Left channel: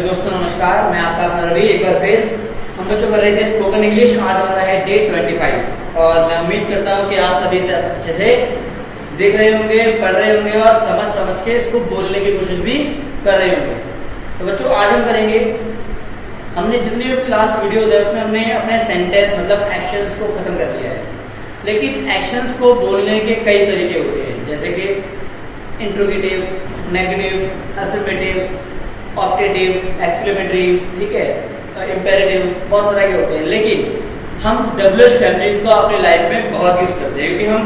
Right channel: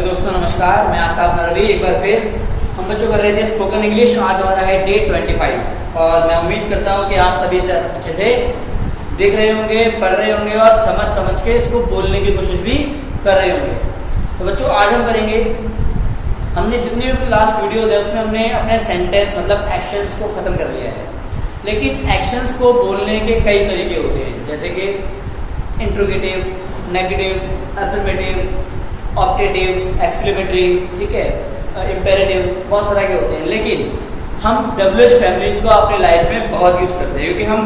तो दोस्तों नमस्कार, मैं आपका अपना रवि। एक बार फिर हम बच्चों कर रहे थे स्पोकन इंग्लिश। आज हमारा है डे 25 और मैं उम्मीद करता हूँ कि आप सभी से अच्छे से देख रहे होंगे, पढ़ रहे होंगे और समझ के इसको बोलने की कोशिश भी कर रहे होंगे। तो बच्चों आज हम करेंगे, हमने जितने भी लास्ट वीडियोस है उसमें हमने अपने सेंटेंस मतलब एक्शंस को खत्म कर लिया है, लेकिन एक्शंस को बोलने के कई तरीके होते हैं, जैसे कि interrogative, negative, affirmative, optative, exclamatory, ठीक है, इंपेरेटिव, बहुत तरह के होते हैं। लेकिन हम WH फैमिली को अपनी लाइफ में बहुत यूज करते हैं, क्योंकि हम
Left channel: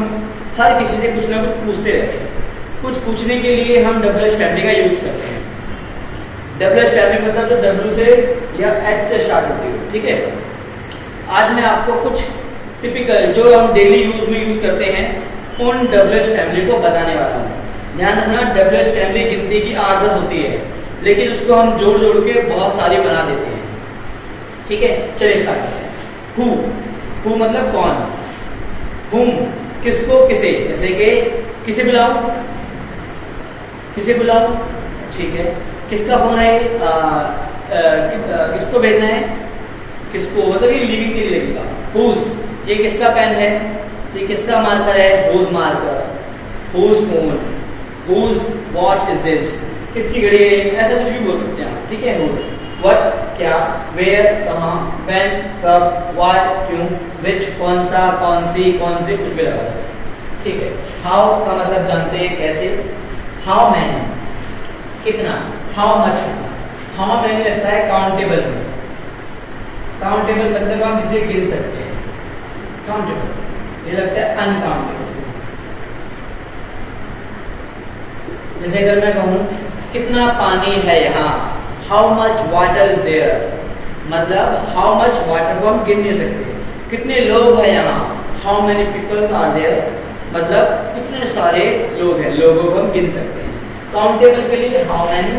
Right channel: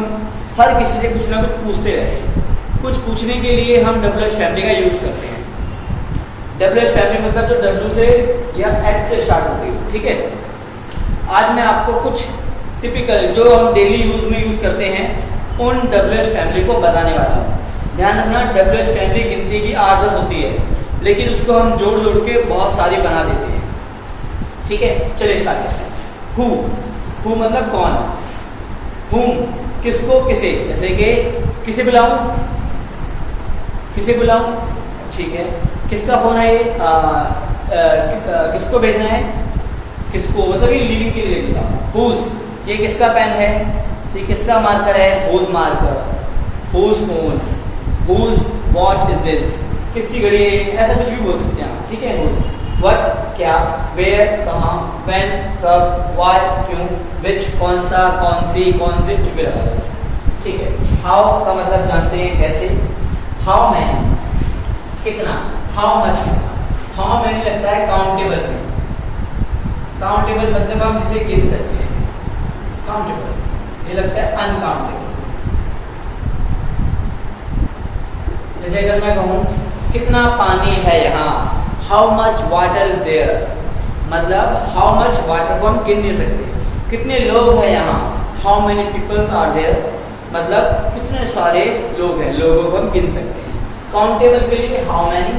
हर किसी से कुछ ना कुछ पूछते रहते हैं। कुछ पूछने के लिए हम WH फैमिली का यूज करते हैं। WH फैमिली मतलब जो W से या H से स्टार्ट होती है, ठीक है। आज मैं आपको कुछ टिपिकल जो हम डेली यूज में यूज करते हैं उन WH फैमिली को बताने वाला हूँ। ध्यान रखना, WH फैमिली गिनती की 8-10 होती है, लेकिन उसको हम जोड़ जोड़ के बहुत सारी बना देते हैं, ठीक है। चलिए स्टार्ट करते हैं। हु मतलब कौन, हुम किसको किसे, जैसे कि किसे बुलाऊं, ठीक है। किसका फोन है, किसको भेजना है, किसको मतलब ये लिविंग के लिए लगेगा। हुज ये किसका पेन है, ये किसका मार्कर है, whose marker. Whose phone, whose watch is this, किसकी घड़ी है, ऐसा कुछ भी बोल सकते हैं, ठीक है। व्हाट क्या, वेयर कहाँ, व्हेन कब, व्हाई क्यों, विच कौन सा, कौन सी, कुछ भी लगा दो, ठीक है। हाउ का मतलब जानते हैं कैसे। हाउ मैनी कितना, हाउ मच, हाउ मैनी लगता है काउंटेबल में। काउंटेबल मतलब हम जिसे गिन सकते हैं, काउंटेबल ये लगता है अनकाउंटेबल। जैसे अगर मैं कहूं कितना पानी है यहाँ, how much water is there, मतलब हाउ मच वाटर को हम गिन नहीं सकते। कितने लोग हैं यहाँ, how many peoples are there, मतलब कितने सारे लोग हैं, लोगों को हम गिन सकते हैं। काउंटेबल के लिए हाउ मैनी,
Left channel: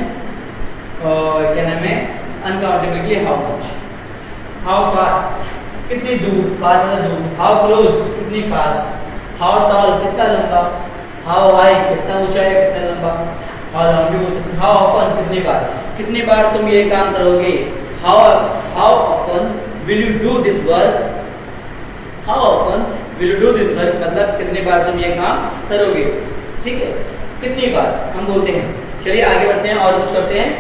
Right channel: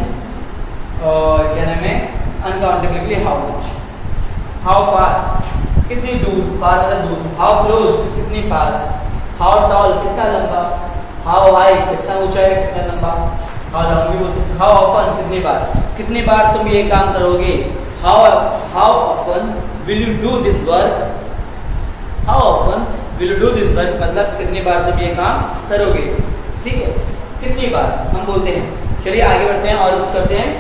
और क्या नाम है अनकाउंटेबल के लिए हाउ मच। हाउ फार कितनी दूर, फार मतलब दूर। हाउ क्लोज कितनी पास। हाउ टॉल कितना लंबा। हाउ हाई कितना ऊंचा है, कितना लंबा। हाउ ऑफन कितनी बार तुम ये काम करोगे। How often will you do this work, how often will you do this work मतलब कितनी बार तुम ये काम करोगे, ठीक है। कितनी बार हम बोलते हैं। चलिए आगे बढ़ते हैं और कुछ करते हैं।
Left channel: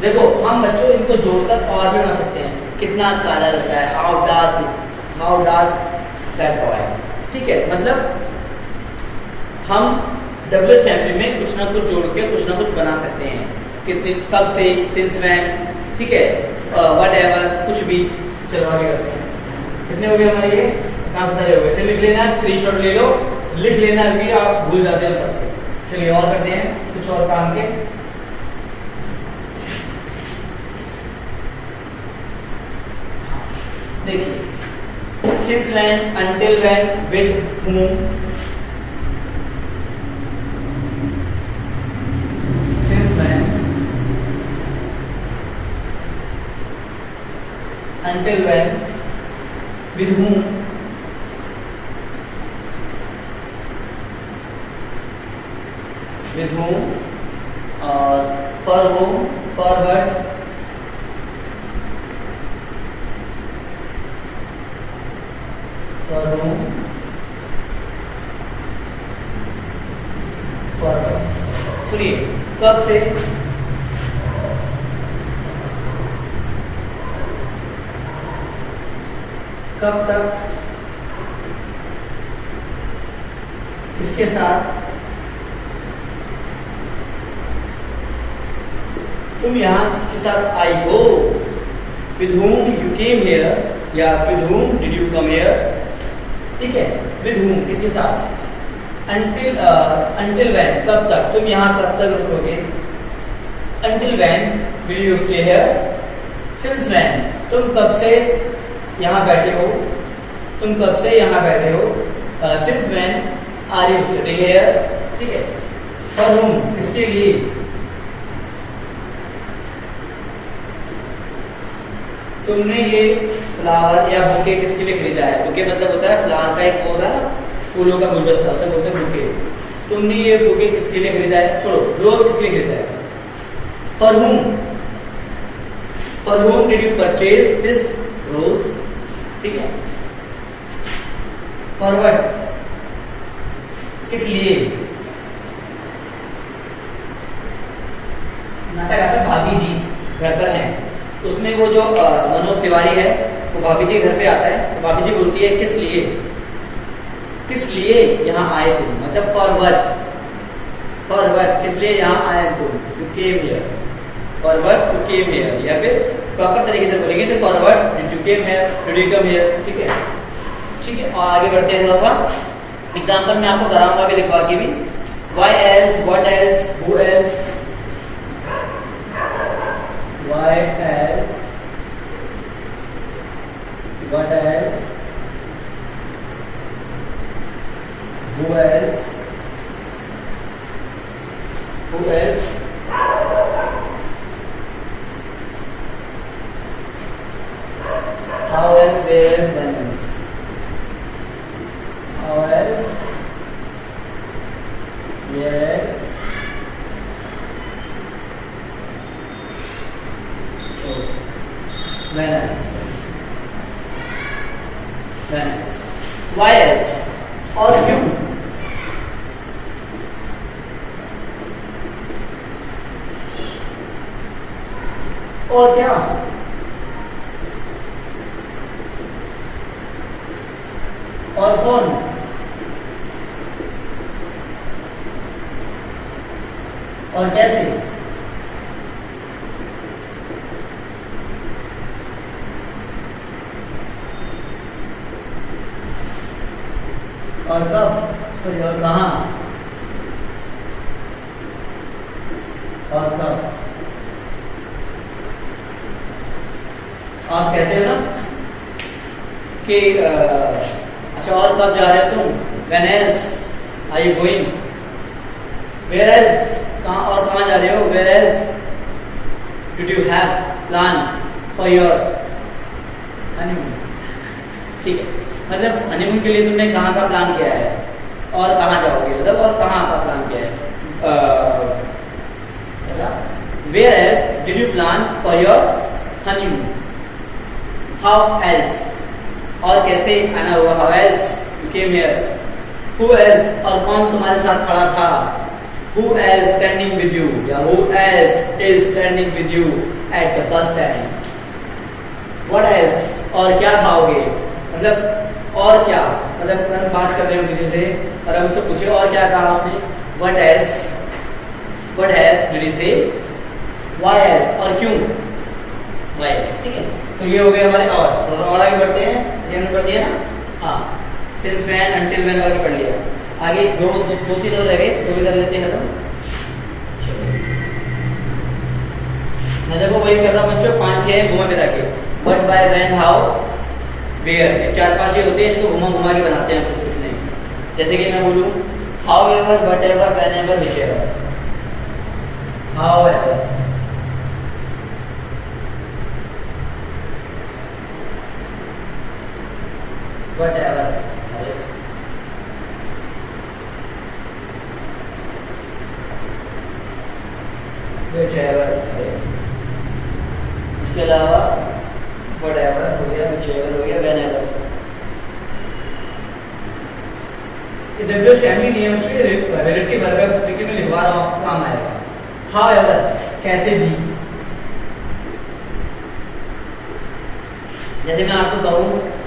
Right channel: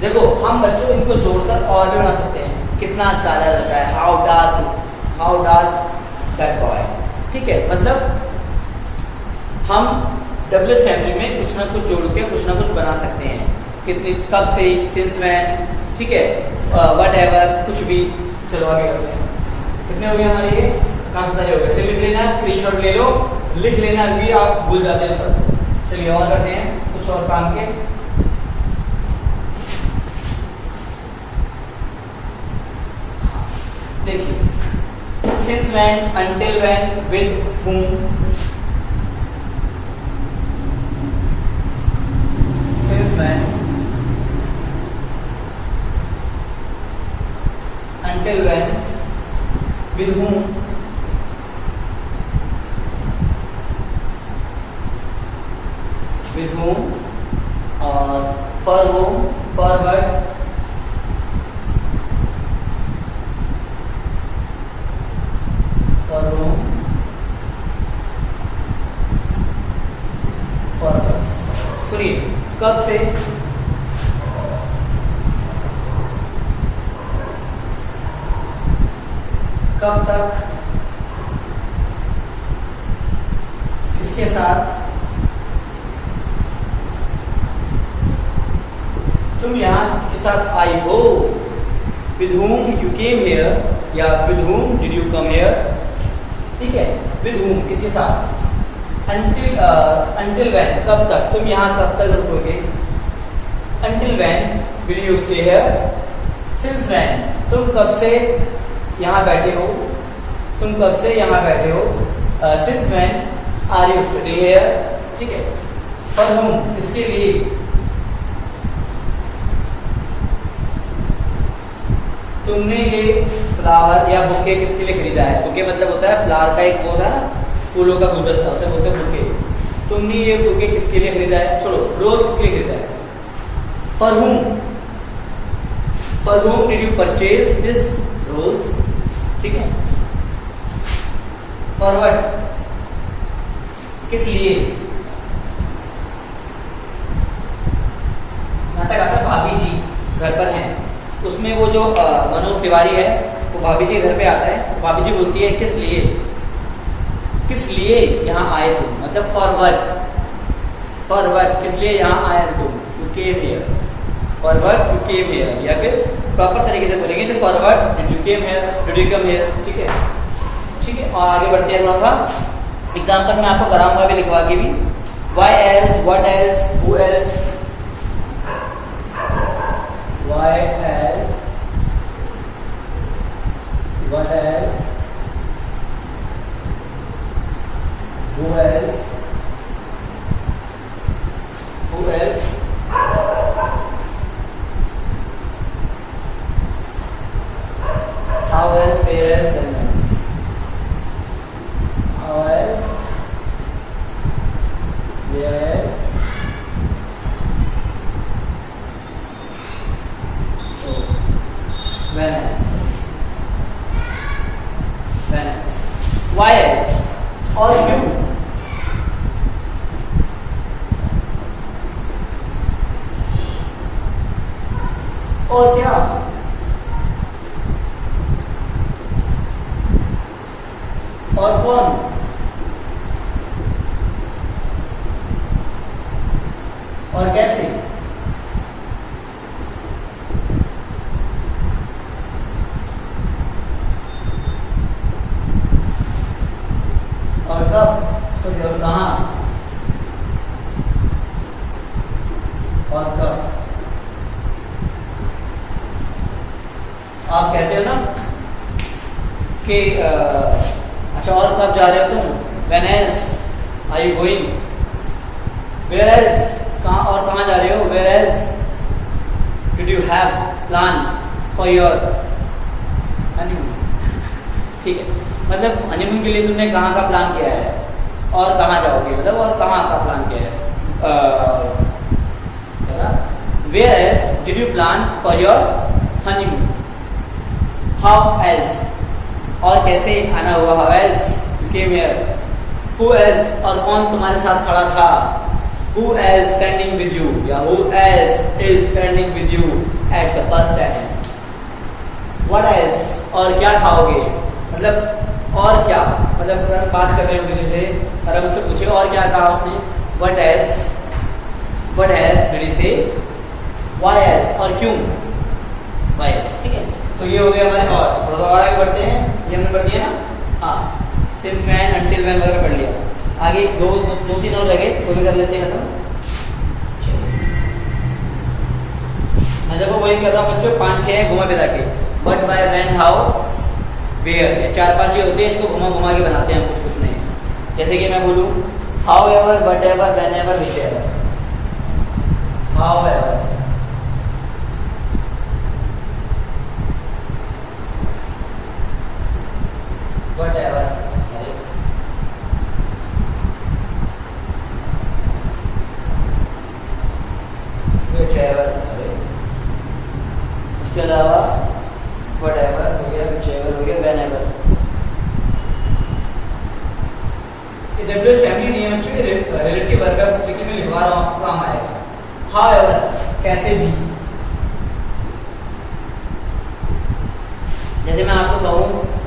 देखो हम बच्चों इनको जोड़कर और भी बना सकते हैं। कितना काला लगता है, हाउ डार्क दैट टॉय, ठीक है। मतलब हम WH फैमिली में कुछ ना कुछ जोड़ के कुछ ना कुछ बना सकते हैं। कितनी, कब से, सिंस व्हेन, ठीक है, व्हाटएवर, कुछ भी। चलो आगे करते हैं। कितने हो गए हमारे, ये काफी सारे हो गए। चलिए लिख लेना, स्क्रीनशॉट ले लो, लिख लेना, अभी आप भूल जाते हो सब। चलिए और करते हैं कुछ और काम के। देखिए since when, until when, with whom, until when, with whom, और for whom, for what, for whom, for what। सुनिए, कब से, कब तक, किसके साथ, तुम यहाँ किसके साथ आई हो, with whom you came here या with whom did you come here, ठीक है। with whom किसके साथ। until when कब तक, तुम यहाँ कब तक रुकोगे। until when will you stay here। since when तुम कब से यहाँ बैठे हो, तुम कब से यहाँ बैठे हो। since when are you sitting here, ठीक है। for whom किसके लिए, तुमने ये फ्लावर या बुके किसके लिए खरीदा है। बुके मतलब होता है फ्लावर का एक पौधा, फूलों का गुलदस्ता, उसे बोलते हैं बुके। तुमने ये बुके किसके लिए खरीदा है, छोड़ो, रोज किसके लिए खरीदा है। फॉर हुम for whom did you purchase this rose? ठीक है, for what, किस लिए। नाटक आता भाभी जी घर पर हैं, उसमें वो जो मनोज तिवारी है वो भाभी जी घर पे आता है, तो भाभी जी बोलती है किस लिए, किस लिए यहाँ आए तुम, मतलब फॉर व्हाट, किस लिए यहाँ आए तुम, you came here, for what you came here, या फिर प्रॉपर तरीके से बोलेंगे तो for what did you came here, did you come here, ठीक है। ठीक है, और आगे बढ़ते हैं थोड़ा सा एग्जाम्पल में आपको कराऊंगा भी, लिखवा के भी। Why else, what else, who else, why else, what else, who else, who else, how else, where else, when else, how else, yes, oh, when else, when else, why else, और क्यों, और क्या, और कौन, और कैसे, और कब, सॉरी, और कहाँ, और कब। आप कहते हो ना कि अच्छा और कब जा रहे हो तुम, when else are you going, where else, कहाँ और कहाँ जा रहे हो, where else did you have plan for your honeymoon, ठीक है, मतलब हनीमून के लिए तुमने कहाँ का प्लान किया है और कहाँ जाओगे, मतलब और कहाँ का प्लान किया है, where else did you plan for your honeymoon, how else, और कैसे आना हुआ, how else you came here, who else, और कौन तुम्हारे साथ खड़ा था, who else standing with you, या who else is standing with you at the bus stand, what else, और क्या खाओगे, मतलब और क्या, मतलब अगर बात कर रहे हो किसी से और हम उससे पूछे और क्या कहा उसने, what else did he say, why else, और क्यों, why else, ठीक है। तो ये हो गया हमारे, और आगे बढ़ते हैं, ये हमने पढ़ दिया ना, हाँ, सिंस मैन अंटिल मैन वगैरह पढ़ लिया, आगे दो तीन और रह गए, तो भी कर लेते हैं खत्म। मैं देखो वही कर रहा हूँ बच्चों, 5-6 हैं घुमा फिरा के, but by when how where, 4-5 होते हैं, इनको घुमा के बनाते हैं कुछ नहीं। जैसे कि मैं बोलूँ how ever, but ever, when ever, which ever, how ever, but ever, इसके अलावा whatever हो गया, whichever हो गया, whenever। WH नहीं है बच्चों, रिलेटिव वर्ब है, लेकिन मैं लिखवा रहा हूँ काम आएगा। However, कैसे भी, जैसे मैं आपको कहूँ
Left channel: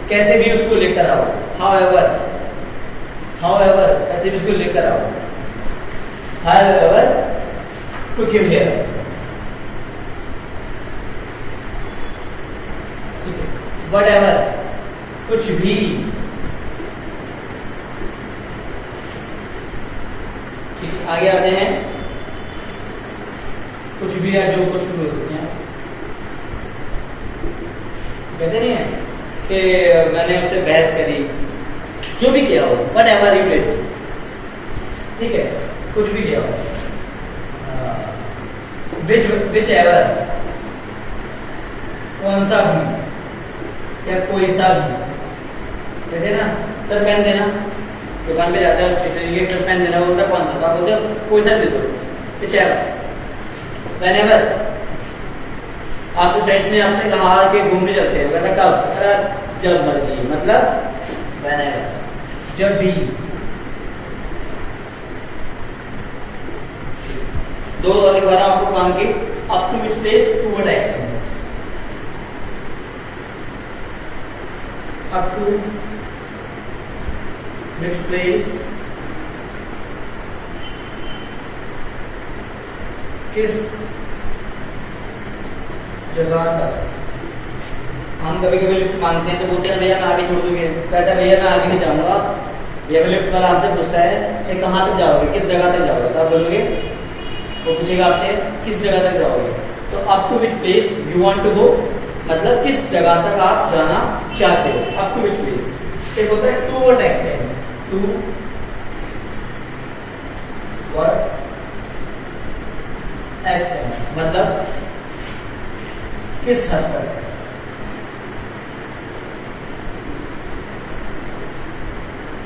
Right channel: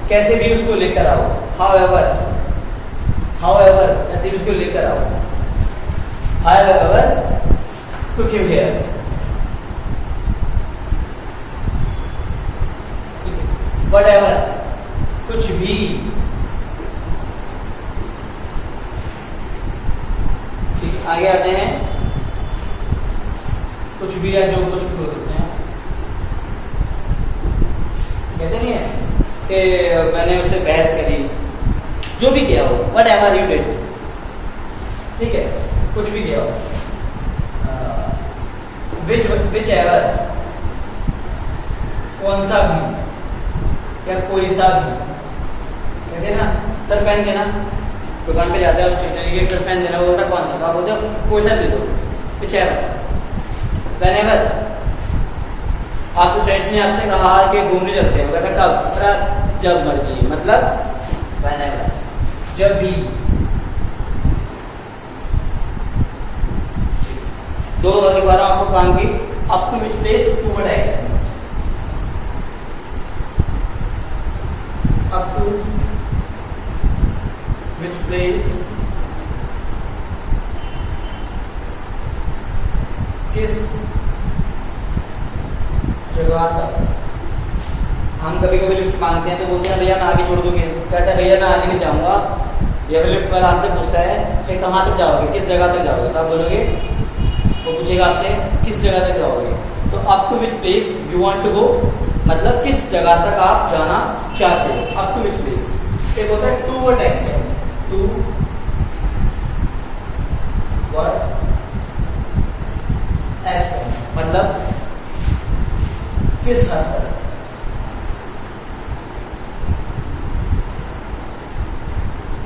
कैसे भी उसको लेकर आओ, however कैसे भी उसको लेकर आओ, however took him here, whatever कुछ भी, ठीक, आगे आते हैं, कुछ भी या जो कुछ भी बोलते हैं, कहते नहीं है कि मैंने उससे बहस करी, जो भी किया हो, whatever you did, ठीक है, कुछ भी किया हो, whichever कौन सा भी, क्या कोई सा भी, कहते ना सर पेन देना, दुकान पे जाते हैं स्टेशनरी के, सर पेन देना, बोलता कौन सा, बोलते कोई सा दे दो, whichever, whenever आपके फ्रेंड्स ने आपसे कहा कि घूमने चलते हैं, कहता कब? अरे जब मर्जी, मतलब whenever, जब भी। दो लिखवाना आपको काम की, up to which place, to what extent. Up to which place, किस जगह तक। हम कभी कभी लिफ्ट मांगते हैं तो बोलते हैं भैया मैं आगे छोड़ दूंगी, कहता है भैया मैं आगे नहीं जाऊंगा। भैया लिफ्ट वाला आपसे पूछता है कि कहाँ तक जाओगे, किस जगह तक जाओगे, तो आप बोलोगे, वो पूछेगा आपसे किस जगह तक जाओगे, तो up to which place you want to go, मतलब किस जगह तक आप जाना चाहते हो, अप टू विच प्लेस। एक होता है to what extent, to what extent, मतलब किस हद तक।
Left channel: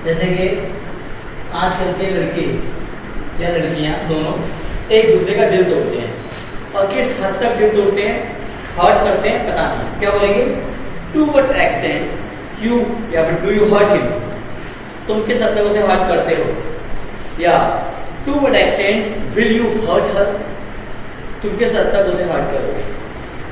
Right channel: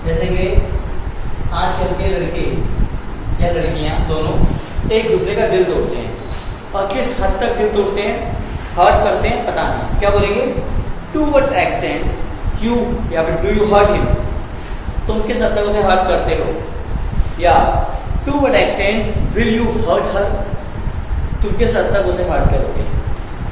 जैसे कि आजकल के लड़के या लड़कियां दोनों एक दूसरे का दिल तोड़ते हैं, और किस हद तक दिल तोड़ते हैं, हर्ट करते हैं, पता नहीं। क्या बोलेंगे? टू व्हाट एक्सटेंट यू या डू यू हर्ट हिम, तुम किस हद तक उसे हर्ट करते हो, या to what extent will you hurt her, तुम किस हद तक उसे हर्ट करोगे।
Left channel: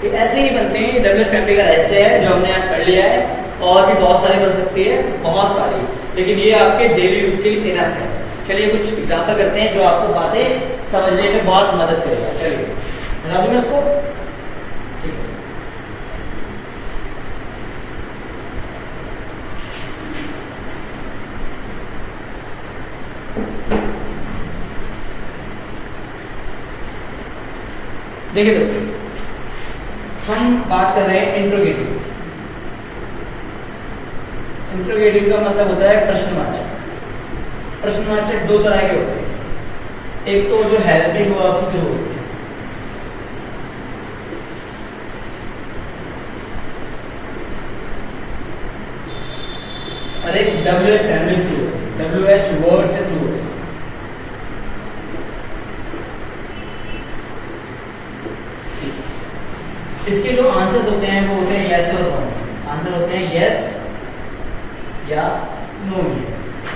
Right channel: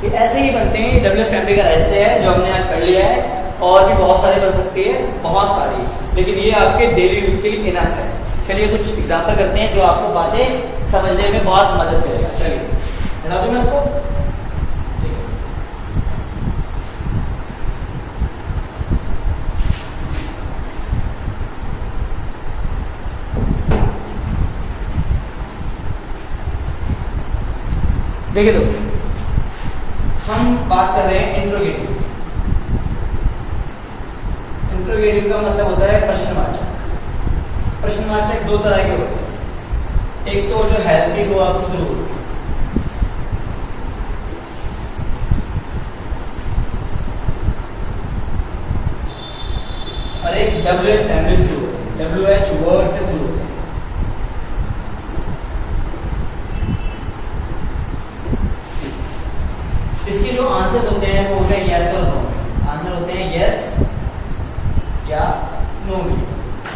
ये ऐसे ही बनते हैं। ये डबल्यूएच फैमिली का ऐसे है जो हमने यहाँ कर लिया है, और भी बहुत सारी बन सकती है, बहुत सारी, लेकिन ये आपके डेली यूज के लिए इनफ है। चलिए कुछ एग्जाम्पल करते हैं जो आपको बातें समझने में बहुत मदद करेगा। चलिए बना दूं मैं इसको, ठीक है। देखिए दोस्तों, हम बात कर रहे हैं इंट्रोगेटिव। इंट्रोगेटिव का मतलब होता है प्रश्नवाचक। प्रश्नवाचक दो तरह के होते हैं, एक तो जो हेल्पिंग वर्ब से शुरू होते हैं, और एक WH फैमिली शुरू होते हैं, WH वर्ड से शुरू होते हैं। इसके जो आंसर्स होते हैं वो होते हैं यस और नो। आंसर होते हैं यस या नो।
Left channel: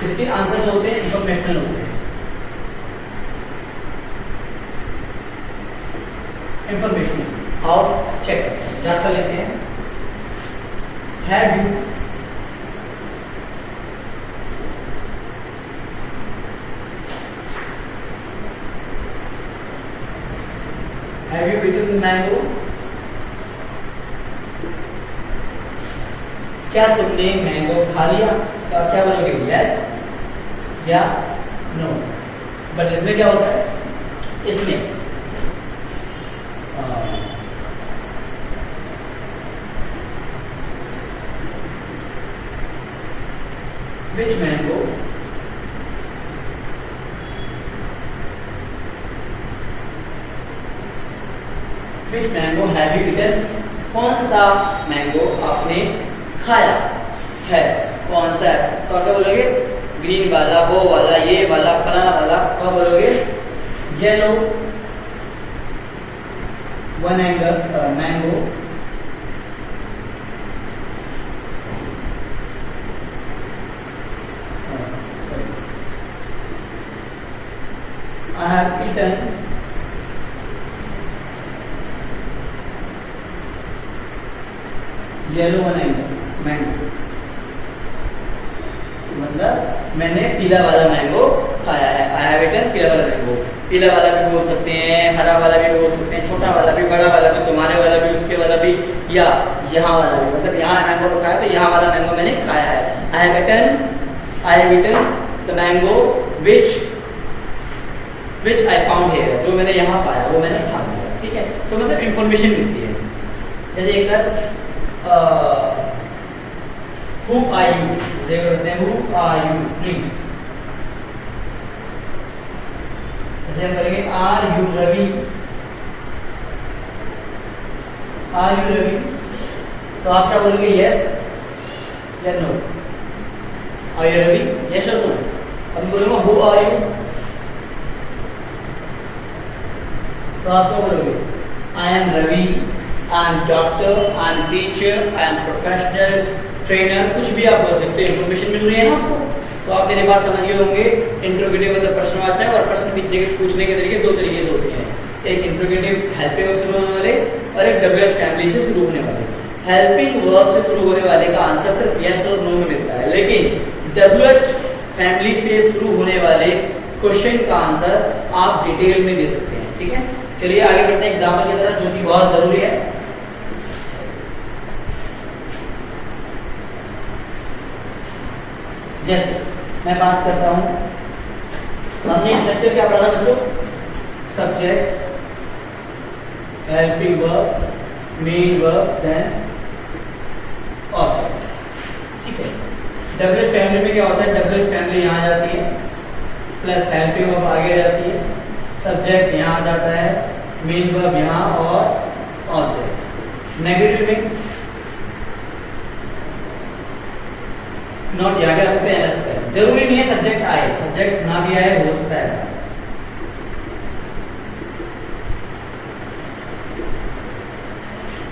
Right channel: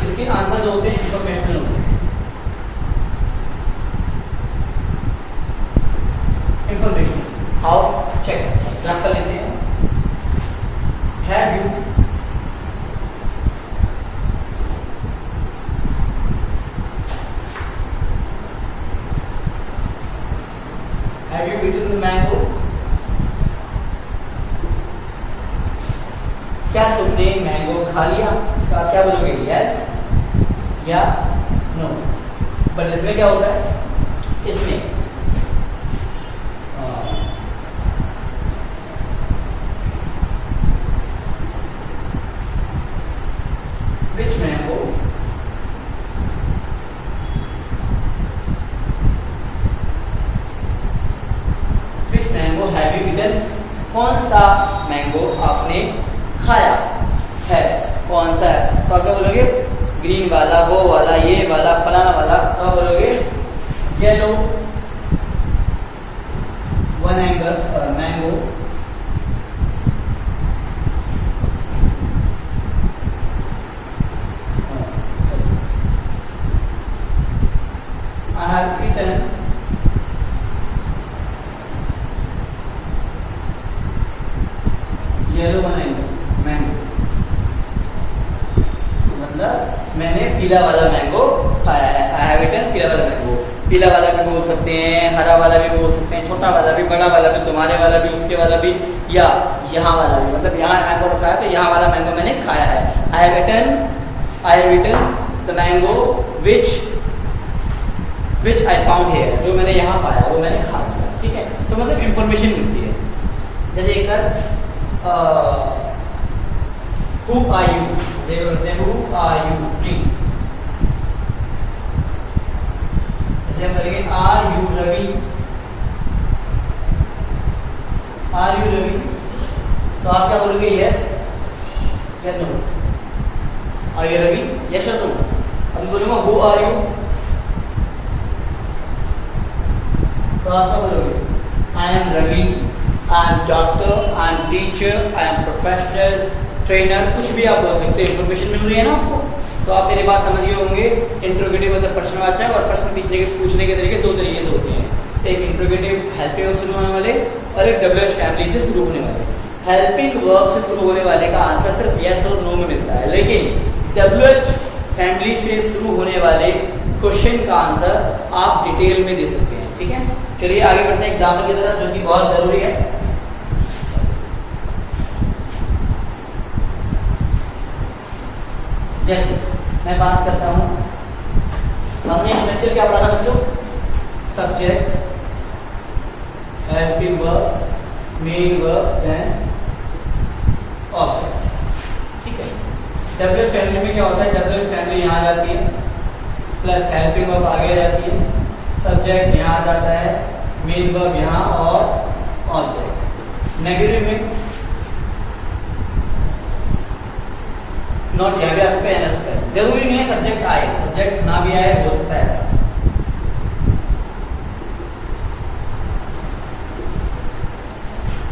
इसके आंसर जो होते हैं इंफॉर्मेशनल होते हैं। इंफॉर्मेशन हाउ चेक, एग्जाम्पल लेते हैं। Have you eaten the mango? क्या तुमने मैंगो खा लिया? तो आप क्या बोलोगे? यस या नो। बट इसमें क्या होता है, इसमें which mango have you eaten? कौन सा मैंगो आपने खाया है, कौन सा है। तो आप क्या बोलोगे? ग्रीन वाला, वो वाला, ये वाला, फलाना वाला। तो बोलोगे yellow one angle mango I have eaten yellow one angle mango, मतलब मैंने पीला वाला मैंगो खाया है। आई हैव ईटन पीला वाला मैंगो। पीला वाला भी बोल सकते हैं, हरा वाला भी बोल सकते हैं, छोटा वाला भी, बड़ा वाला भी, तुम्हारे वाला भी, उसके वाला भी, या यहाँ वाला भी। मतलब यहाँ मैंगो खाया तो यहाँ वाला मैंगो मैंने खाया है। I have eaten the mango which I found here, जो मैंने यहाँ पाया वो मैंने खा लिया। ठीक है, तो मतलब इंफॉर्मेशन मिलती है। जैसे एक who are you, जैसे करते हैं who are you, जैसे करेंगे are you Ravi, are you Ravi, तो आप क्या बोलोगे? यस या no. are you Ravi, yes और नो। अब बोलूंगा who are you, तो आप क्या बोलोगे? I am Ravi I am doctor, I am teacher, I am professional trainer, कुछ भी आप बोल सकते हो। इन्फॉर्मेशन मिल रही है ना आपको, तो आप मेरी बात समझ गए होंगे। इंट्रोगेटिव मतलब प्रश्नवाचक, और प्रश्न पूछने के तरीके दो तरीके से होते हैं, एक इंट्रोगेटिव हेल्पिंग वर्ब से शुरू होने वाले और एक WH फैमिली से शुरू होने वाले। हेल्पिंग वर्ब से शुरू होने वाले का आंसर सिर्फ यस और नो में मिलता है, लेकिन WH फैमिली से शुरू होने वाले क्वेश्चन का आंसर आप डिटेल में दे सकते हैं। ठीक है, चलिए आगे बढ़ते हैं एग्जाम्पल की तरफ, जो कि बहुत जरूरी है। जैसे मैं बात करता हूं, हमने स्ट्रक्चर क्या पढ़ा था बच्चों? Subject, helping verb, main verb, then object. ठीक है, WH फैमिली में क्या होता है? WH फैमिली यहाँ आ जाती है, प्लस हेल्पिंग वर्ब आगे आ जाती है, सब्जेक्ट यहाँ आ जाता है, मेन वर्ब यहाँ और ऑब्जेक्ट। नेगेटिव में नॉट यहाँ भी आ सकता है, आ सकता है, जरूरी नहीं है सब्जेक्ट आए, सब्जेक्ट ना भी आए, हो सकता है ऐसा।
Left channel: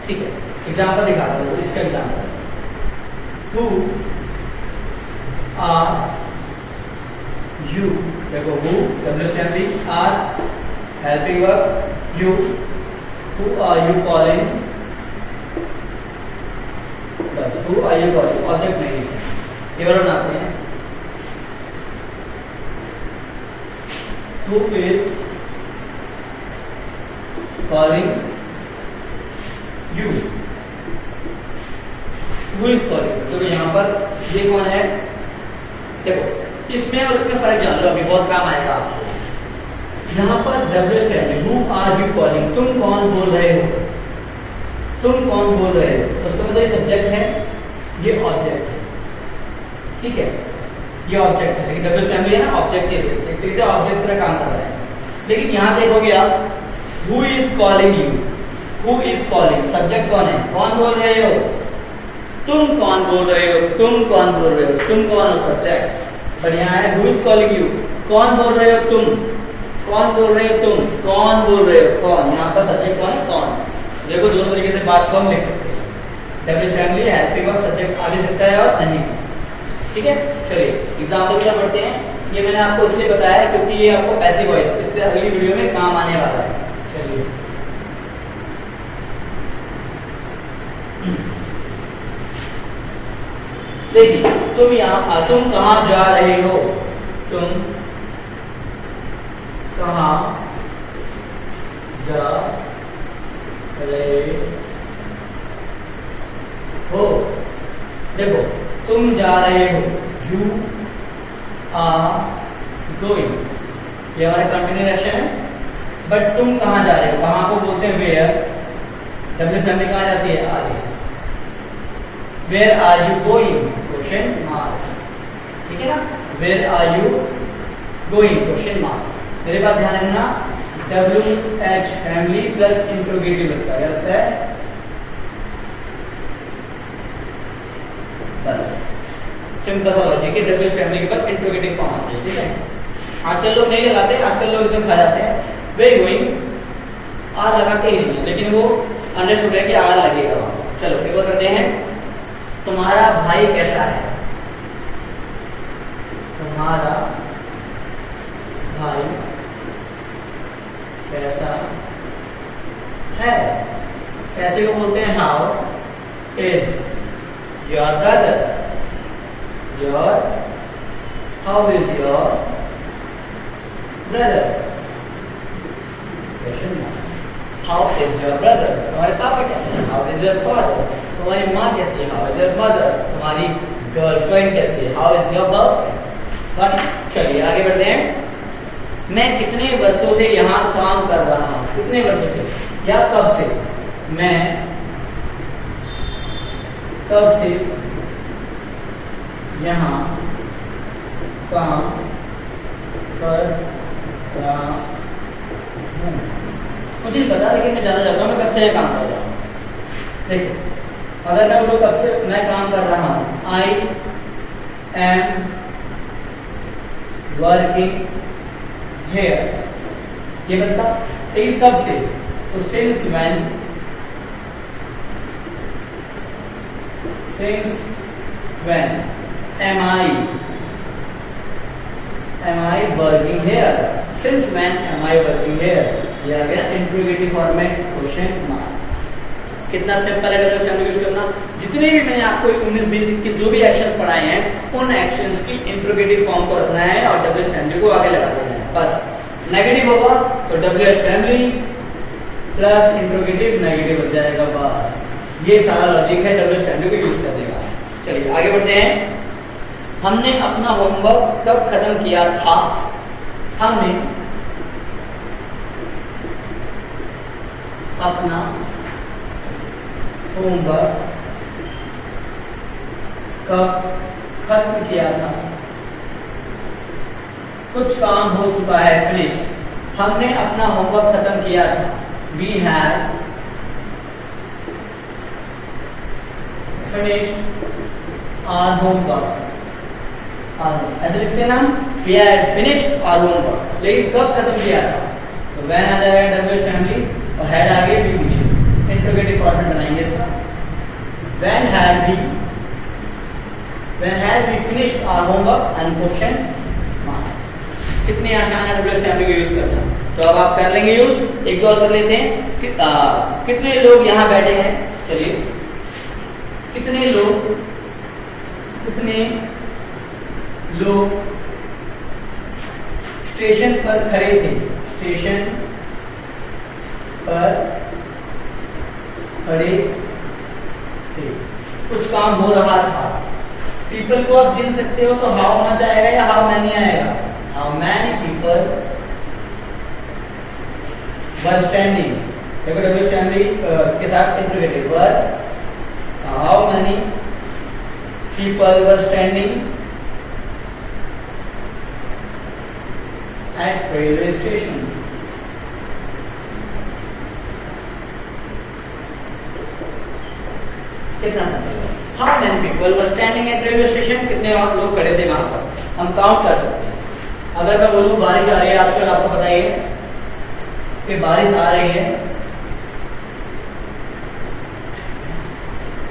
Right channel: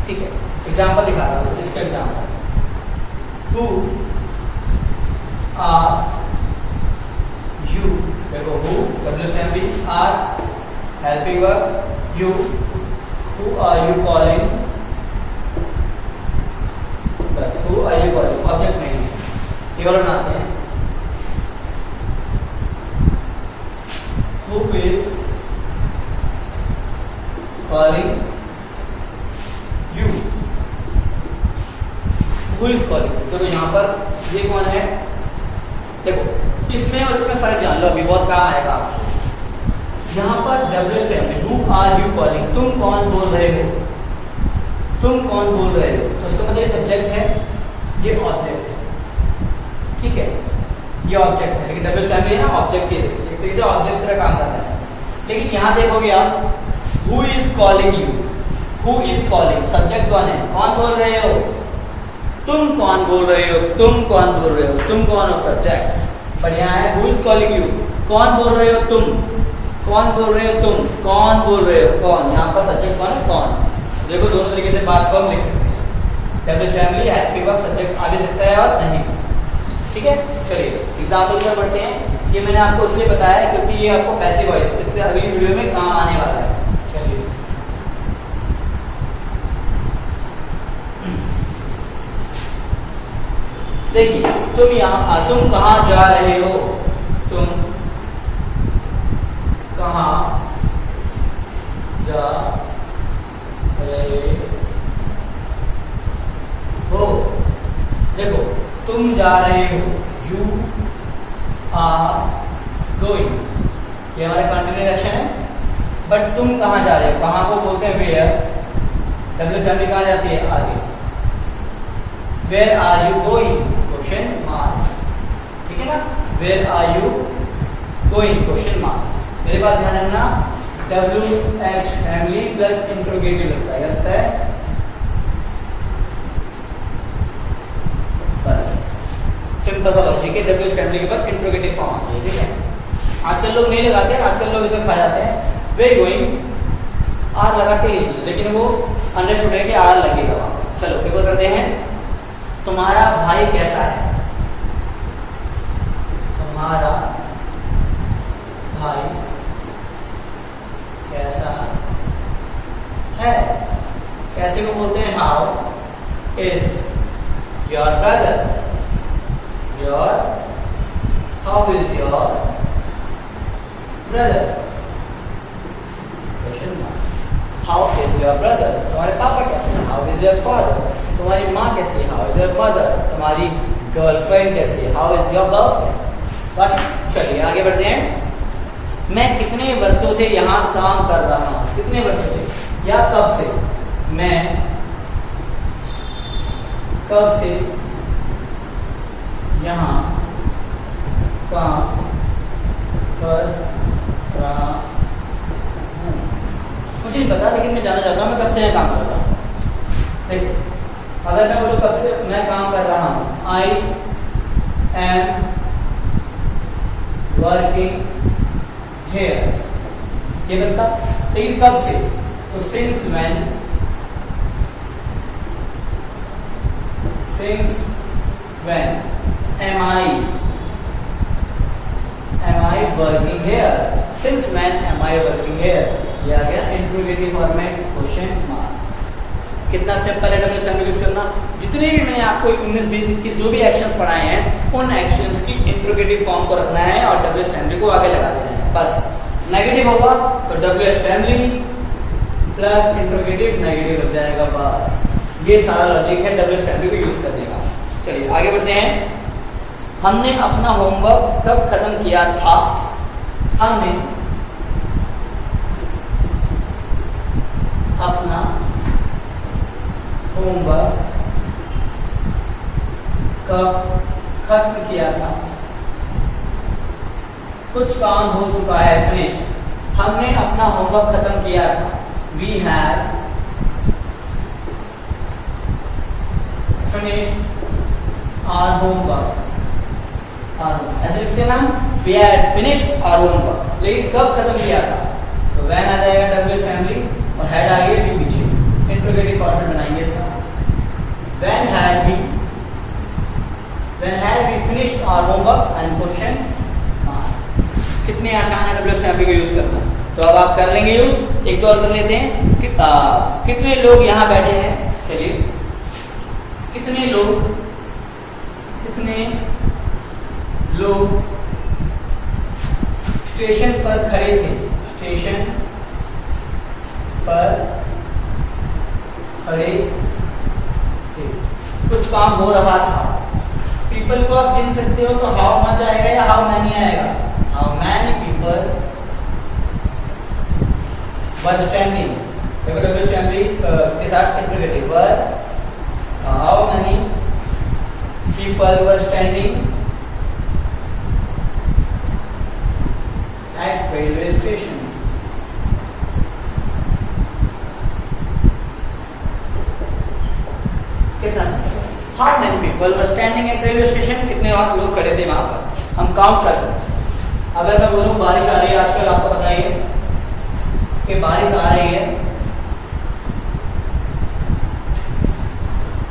ठीक है, एग्जाम्पल दिखाता हूँ, इसका एग्जाम्पल, हु आर यू, देखो who WH family, are helping verb, you, who are you calling, बस who are you calling, object नहीं है। ये बार बनाते हैं, who is calling you, who is calling, तो यहाँ पर ये कौन है? देखो इसमें और इसमें फर्क जान लो, अभी बहुत काम आएगा आपको। यहाँ पर WH family, who are you calling, तुम कौन बोल रहे हो, तुम कौन बोल रहे हो, तो उसका मतलब सब्जेक्ट है, ये ऑब्जेक्ट है। ठीक है, ये ऑब्जेक्ट है, लेकिन WH फैमिली है ना, ऑब्जेक्ट के एक तरीके से ऑब्जेक्ट की तरह काम कर रहा है। लेकिन यहाँ देखोगे आप, who is calling you, who is calling, subject कौन है, कौन बोल रहे हो, तुम कौन बोल रहे हो, तुम कौन बोल रहे हो, तुम कौन हो, सब्जेक्ट। पर यहाँ है हु इज कॉलिंग यू, कौन बोल रहे हो तुम, कौन बोल रहे हो तुम, कौन बोल रहे हो, कौन, यहाँ पर सब्जेक्ट कौन है, कौन। देखो दोनों तरीके से बात को हम लिख सकते हैं, WH family helping verb, subject आ भी सकता है और नहीं। ठीक है, चलिए एग्जाम्पल की तरफ बढ़ते हैं। ये मैंने आपको इसलिए बताया क्योंकि ये आपको पैसिव वॉइस इससे अगली वीडियो में काम आने वाला है। चलिए देखिए, तुम यहाँ, तुम कहाँ जा रहे हो, तुम कहाँ जा रहे हो, देखो तुम जा रहे हो, यू आर गोइंग, ये हमारा कंटिन्यूस एक्शन है। बट तुम कहाँ जा रहे हो, कहाँ को बोलते हैं वेयर, WH फैमिली कहाँ जाती है, आगे। Where are you going, question mark, ठीक है ना, where are you going, question mark. मेरे पास ध्यान रखना, WH फैमिली प्लस इंट्रोगेटिव लगता है, बस सिंपल सा लॉजिक है। WH फैमिली के बाद इंट्रोगेटिव फॉर्म आती है। ठीक है, आजकल लोग नहीं लगाते, आजकल लोग इसे खा जाते हैं, वे गोइंग, आर लगाते ही नहीं, लेकिन वो अंडरस्टूड है कि आर लगेगा वहां। चलो एक और करते हैं, तुम्हारा भाई कैसा है, तुम्हारा भाई कैसा है, कैसे को बोलते हैं, how is your brother, your, how is your brother, question mark, how is your brother, तुम्हारे पापा कैसे हैं, how is your father, तुम्हारी माँ कैसी है, how is your mother, तुम्हारी गर्लफ्रेंड कैसी है, how is your girlfriend। चलिए आगे बढ़ते हैं। मैं कितने वर्षों से यहाँ काम कर रहा हूँ, कितने वर्षों से या कब से, मैं कब से यहाँ काम कर रहा हूँ, मुझे पता, लेकिन मैं जानना चाहता हूँ मैं कब से काम कर रहा हूँ। देखिए अगर मैं बोलूँ कब से मैं काम कर रहा हूँ, आई एम वर्किंग हेयर, ये बता, लेकिन कब से, तो since when since when am I working here? Since when am I working here? ये आ गया इंट्रोगेटिव फॉर्मेट क्वेश्चन मार्क। कितना सिंपल है डब्ल्यू एस यूज करना। जितने भी मैंने आपको 19-20 के जो भी एक्शंस पढ़ाए हैं उन एक्शंस की इंट्रोगेटिव फॉर्म को रखना है और डब्ल्यू एस फैमिली को आगे लगा देना है बस। नेगेटिव होगा तो W S family plus interrogative negative हो जाएगा बस। ये सारा लॉजिक है डब्ल्यू एस फैमिली को यूज करने का। चलिए आगे बढ़ते हैं। हमने अपना होमवर्क कब खत्म किया था? हमने अपना होमवर्क कब खत्म किया था? कुछ काम हो चुका है, फिनिश्ड। हमने अपना होमवर्क खत्म किया था। We had finished our homework। ऐसे लिखते हैं ना, we had finished our homework। लेकिन कब खत्म किया था? तो when आ जाएगा डब्ल्यू एस फैमिली और had आगे भी पीछे इंट्रोगेटिव फॉर्मेट बनाएंगे इसका। when had we finished our homework and question mark। कितनी आसान है डब्ल्यू एस फैमिली को यूज करना। तो अब आप कर लेंगे यूज। एक बार कर लेते हैं कि कितने लोग यहाँ बैठे हैं। चलिए कितने लोग स्टेशन पर खड़े थे? स्टेशन पर खड़े थे, कुछ काम हो रहा था। पीपल को आप गिन सकते हो तो हाउ मच आएगा या हाउ मैनी आएगा? How many people were standing. W family के साथ interrogative were, how many people were standing at railway station। कितना simple. How many people were standing at railway station. कितने लोग खड़े थे वहां पर, हम काउंट कर सकते हैं। अगर मैं बोलूं बारिश आ रही है, आजकल आपको पता ही है कि बारिश आ रही है,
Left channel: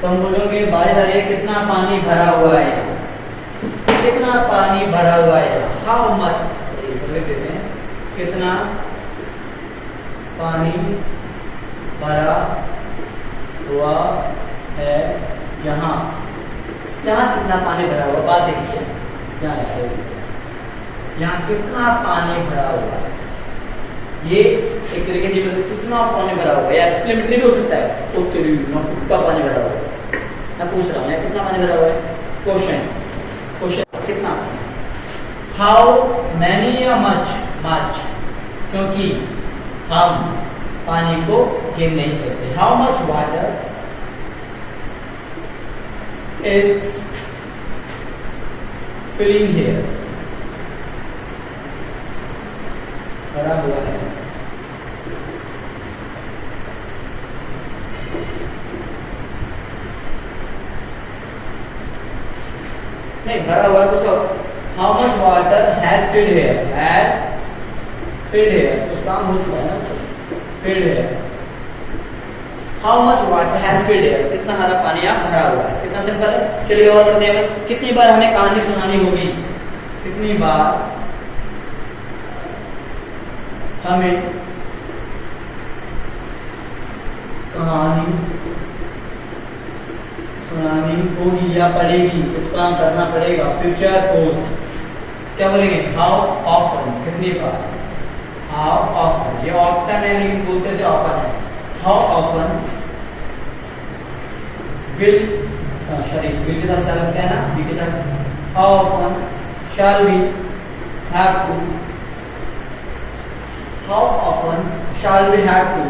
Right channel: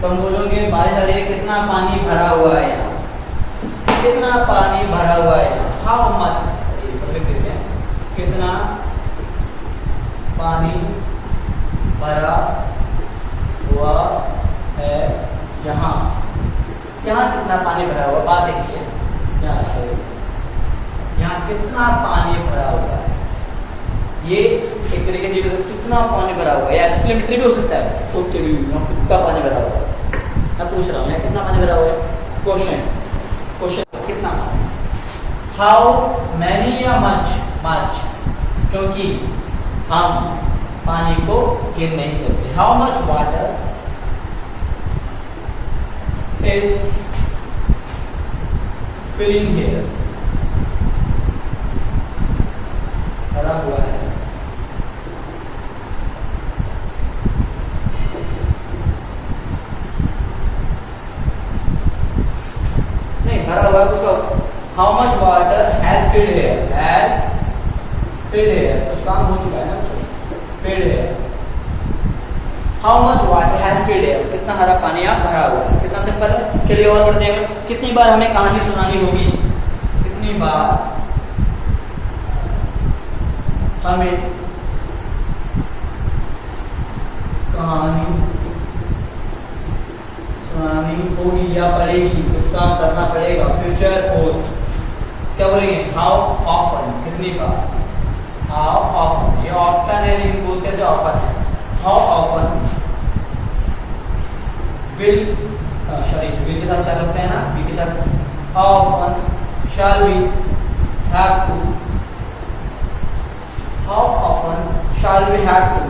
तो हम बोलोगे बारिश आ रही है, कितना पानी भरा हुआ है यहाँ, कितना पानी भरा हुआ है यहाँ। हाउ मच लिख देते हैं, कितना पानी भरा हुआ है यहाँ। यहाँ कितना पानी भरा हुआ, बात देखिए यहाँ कितना पानी भरा हुआ है। ये एक तरीके से कितना पानी भरा हुआ है या एक्सप्लेनेटरी भी हो सकता है। तो कितना पानी भरा हुआ है, मैं पूछ रहा हूँ कितना पानी भरा हुआ है। क्वेश्चन कितना, हाउ मैनी या मच। क्योंकि हम पानी को गिन नहीं सकते। How much water is filling here. भरा हुआ है। नहीं भरा हुआ कुछ। How much water has filled here. Has filled here, कुछ काम हो चुका है ना, filled here. How much water has filled here, कितना सारा पानी आप भरा हुआ है। कितना सिंपल है। चलिए और बढ़ते हैं। कितनी बार हमें कहानी सुनानी होगी, कितनी बार हमें कहानी सुनानी होगी या पड़ेगी, कुछ काम करना पड़ेगा। फ्यूचर पोस्ट क्या बोलेंगे, हाउ ऑफन, कितनी बार। हाउ ऑफन, ये ऑफ्टन है लेकिन बोलते से ऑफन है। How often will, sorry will के साथ शैल होता है ना, वी के साथ। How often shall we have to, how often shall we have to,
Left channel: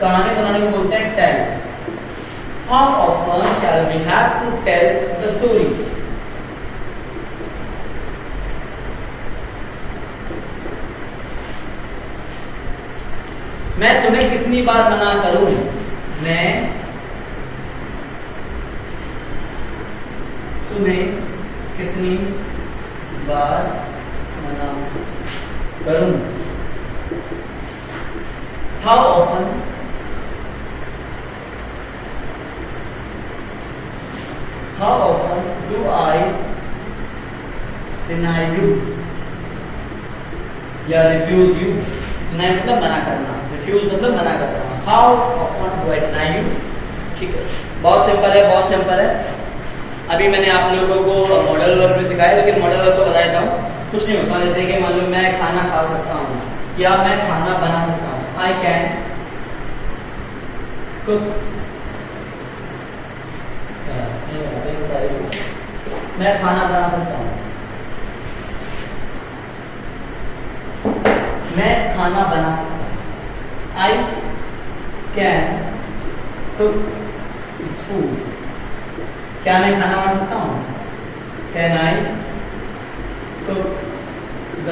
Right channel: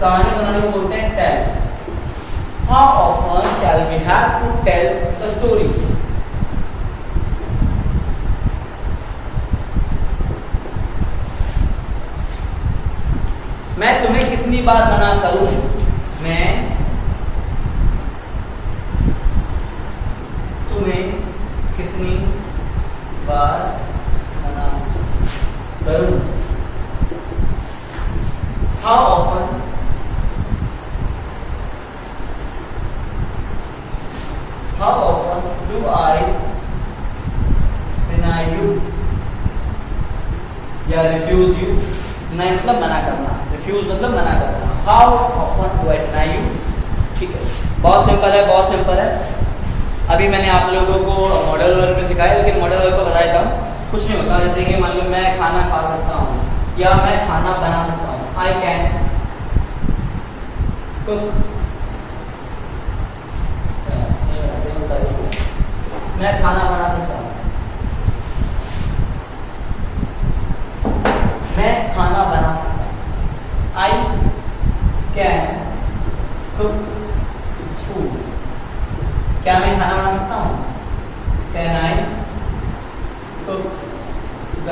कहानी सुनाने को बोलते हैं tell. How often shall we have to tell the story? मैं तुम्हें कितनी बार मना करूं, मैं तुम्हें कितनी बार मना करूं। How often, या रिफ्यूज यू, डिनाई मतलब मना करना, रिफ्यूज मतलब मना करना। How often do I deny you, ठीक है, बहुत सिंपल है, बहुत सिंपल है। अभी मैंने आप लोगों को मॉडल वर्क में सिखाया, लेकिन मॉडल वर्क को बता देता हूँ, कुछ नहीं होता। जैसे कि मान लो मैं खाना खा सकता हूँ या मैं खाना बना सकता हूँ, आई कैन कुक, मैं खाना बना सकता हूँ, मैं खाना बना सकता हूँ, आई कैन कुक फूड, क्या मैं खाना बना सकता हूँ, can I cook the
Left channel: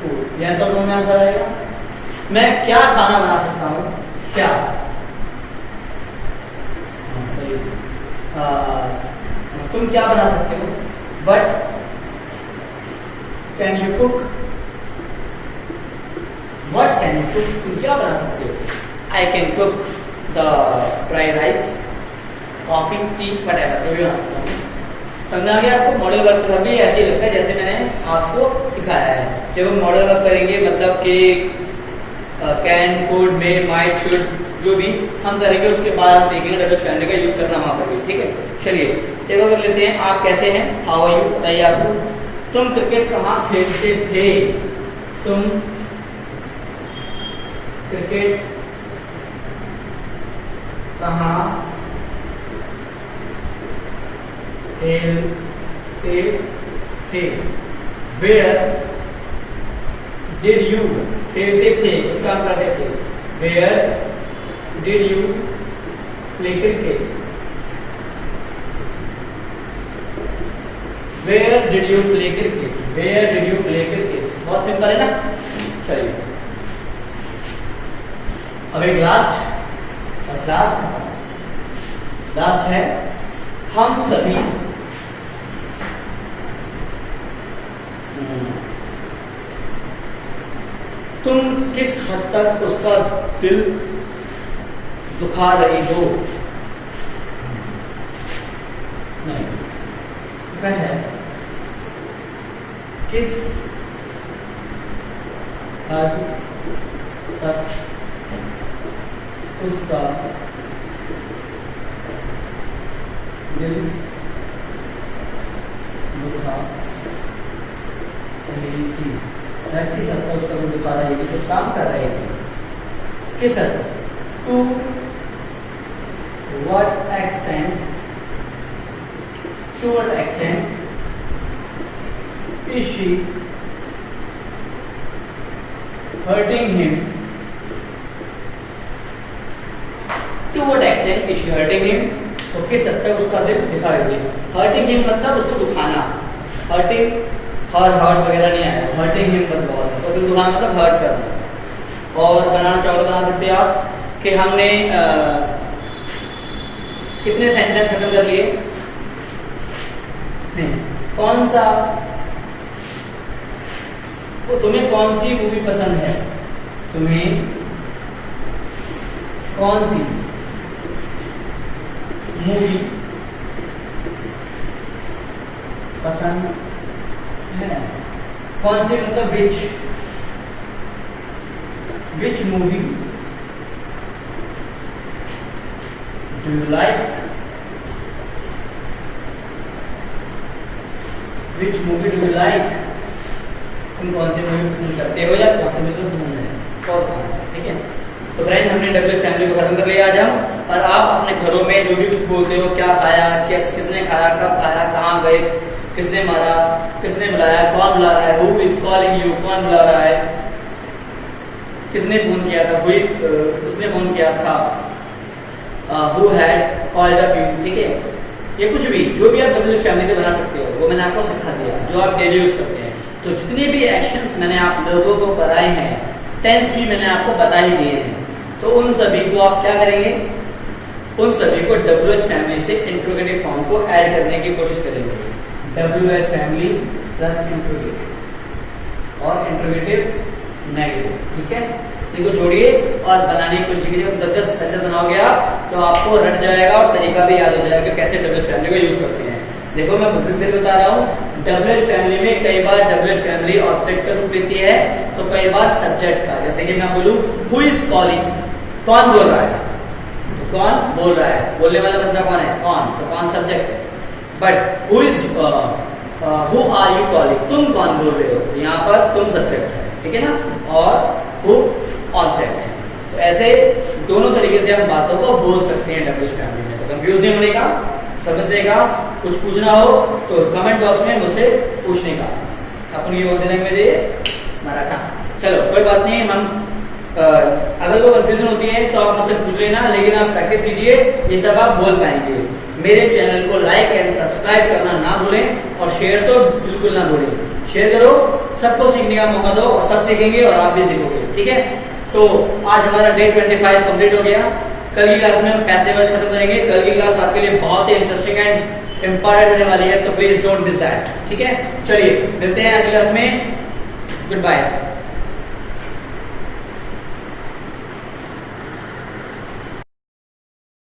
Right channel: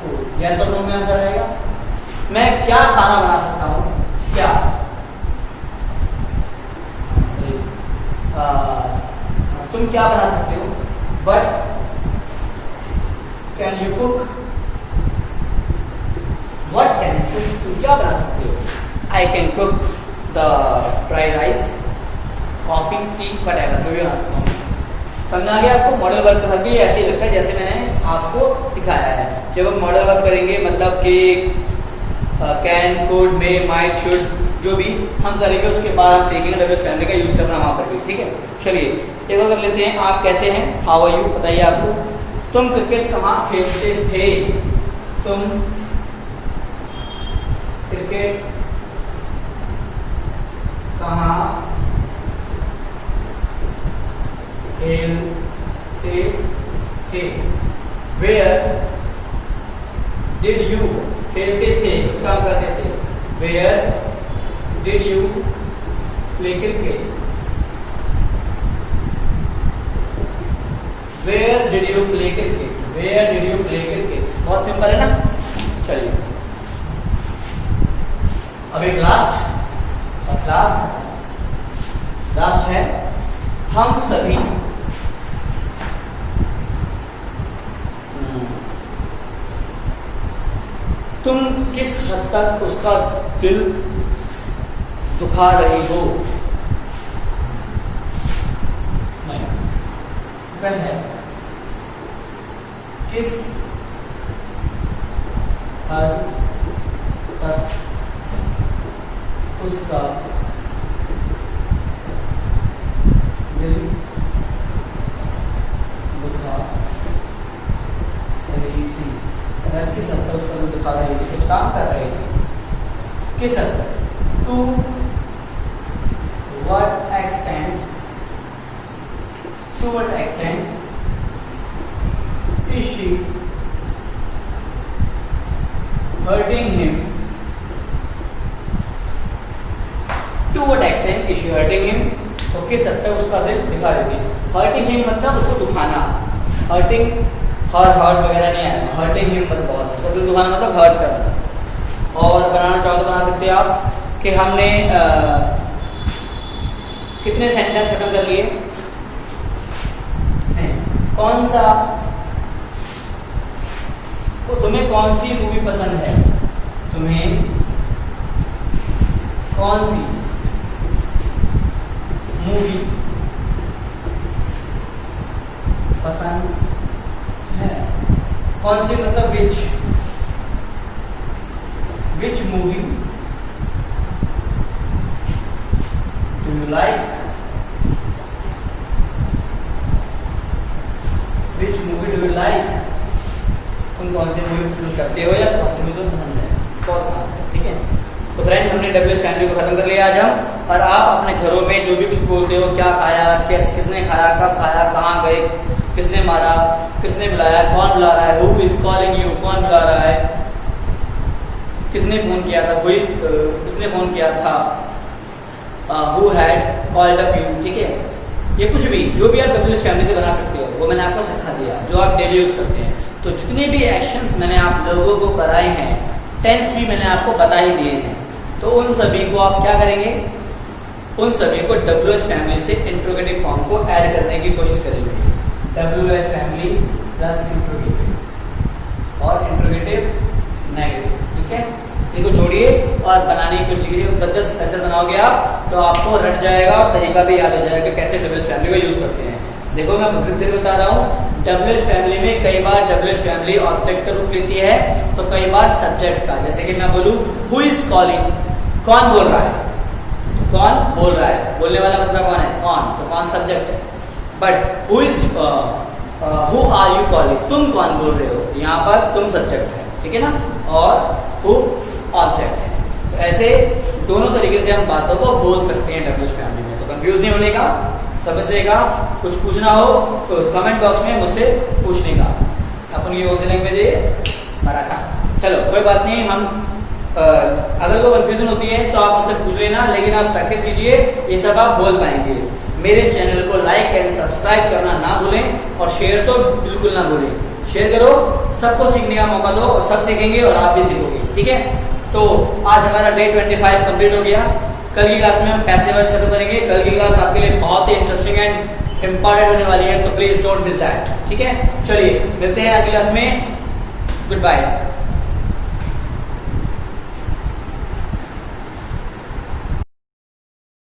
food, yes और नो में आंसर रहेगा। मैं क्या खाना बना सकता हूँ, क्या, तुम क्या बना सकते हो, but can you cook, what can you cook, तुम क्या बना सकते हो, I can cook the fried rice, coffee, tea, whatever, जो भी बना सकता हूँ। समझ में आ गया आपको? मॉडल वर्क में भी ऐसे ही लगता है जैसे मैंने आपको सिखाया है। जब हम मॉडल वर्क करेंगे मतलब कि can, could, may, might, should, जो भी हम करेंगे उसके बाद हम सीखेंगे डब्ल्यूएच फैमिली का यूज करना वहां पर भी, ठीक है। चलिए एक और कर लेते हैं। आप कैसे हैं, हाउ आर यू, बताइए आपको। तुम क्रिकेट कहाँ खेलते थे, तुम क्रिकेट कहाँ खेलते थे, वेयर डिड यू, खेलते थे कुछ काम करते थे, where did you play cricket, where did you play cricket, where did you play cricket, बहुत सिंपल है ना। चलिए अब एक लास्ट और लास्ट है, हम सभी तुम किस हद तक उसका दिल दुखा रही हो, नहीं, वह किस हद तक उसका दिल दुखा रही थी, किस हद तक उसका दिल दुखा रही थी, कुछ काम कर रही थी, किस हद तक, to what extent is she hurting him, to what extent is she hurting him, तो किस हद तक उसका दिल दुखाएगी। hurting him मतलब उसको दुखाना, hurting हर्ट वगैरह नहीं आया, hurting him मतलब बहुत है, उसको दिल दुखाना मतलब हर्ट करना। और बनाना चाहो तो बना सकते हैं आप कि हमने कितने सेंटेंस खत्म कर लिए, कौन सा, तो तुम्हें कौन सी मूवी पसंद है, तुम्हें कौन सी मूवी पसंद है, कौन सी मतलब which movie do you like, which movie do you like, तुम कौन सी मूवी पसंद करते हो या कौन सी मूवी तुम्हें पसंद है, और ठीक है। तो फ्रेंड हमने डब्ल्यूएच फैमिली को खत्म कर लिया आज हम, और आप अपने घरों में जो भी कुछ बोलते हो, क्या खाया, किसने खाया, कब खाया, कहाँ गए, किसने मारा, किसने बुलाया, कौन बुला रहा है, हु इज कॉलिंग यू, कौन बुला रहा है, किसने फोन किया था, किसने फोन किया था, who had called up you, ठीक है। ये कुछ भी जो भी आप डब्ल्यूएच फैमिली से बना सकते हो वो मैंने आपको सिखा दिया, जो आप डेली यूज करते हैं। तो जितने भी एक्शंस मैंने आप लोगों को कराए हैं, टेंस भी मैंने आपको बता ही दिए हैं, तो उन सभी को आप क्या करेंगे, उन सभी को डब्ल्यूएच फैमिली से इंट्रोगेटिव फॉर्म को ऐड करने की कोशिश करेंगे। डब्ल्यूएच फैमिली प्लस इंट्रोगेटिव और इंट्रोगेटिव नेगेटिव, ठीक है। इनको जोड़िए और बनाने की कोशिश कीजिए। 10 सेंटेंस बनाओगे आप तो आपको रट जाएगा और तरीका भी याद हो जाएगा कि कैसे डब्ल्यूएच फैमिली को यूज करते हैं। देखो मैं बहुत देर बता रहा हूँ, WH फैमिली में कई बार WH फैमिली ऑब्जेक्ट का रूप लेती है, तो कई बार सब्जेक्ट का। जैसे कि मैं बोलूं हु इज कॉलिंग, कौन बोल रहा है, तो कौन बोल रहा है, बोलने वाला मतलब कौन है, कौन, तो कौन सब्जेक्ट है। But who is who are you calling, तुम कौन बोल रहे हो, यहाँ पर तुम सब्जेक्ट है, ठीक है ना, और हु ऑब्जेक्ट है। तो ऐसे दोनों तरीके से हम बातों को बोल सकते हैं WH फैमिली में। तो कंफ्यूज नहीं होने का, समझने का, कुछ पूछना हो तो कमेंट बॉक्स में मुझसे पूछने का। अपन ये बोलने में दे मराठा। चलो कोई बात नहीं, हम अगर कोई कंफ्यूजन होती है तो आप मुझसे पूछ लेना, लेकिन आप प्रैक्टिस कीजिए, ये सब आप बोल पाएंगे। मेरे चैनल को लाइक एंड सब्सक्राइब करना ना भूलें और शेयर तो बिल्कुल ना भूलें। शेयर करो, सबको सीखने का मौका दो और सब सीखेंगे और आप भी सीखोगे, ठीक है। तो आज हमारा डे 25 कंप्लीट हो गया। कल की क्लास में हम पैसे वाइज खत्म करेंगे। कल की क्लास आपके लिए बहुत ही इंटरेस्टिंग एंड इंपॉर्टेंट होने वाली है, तो प्लीज डोंट मिस दैट, ठीक है। चलिए मिलते हैं अगली क्लास में, गुड बाय।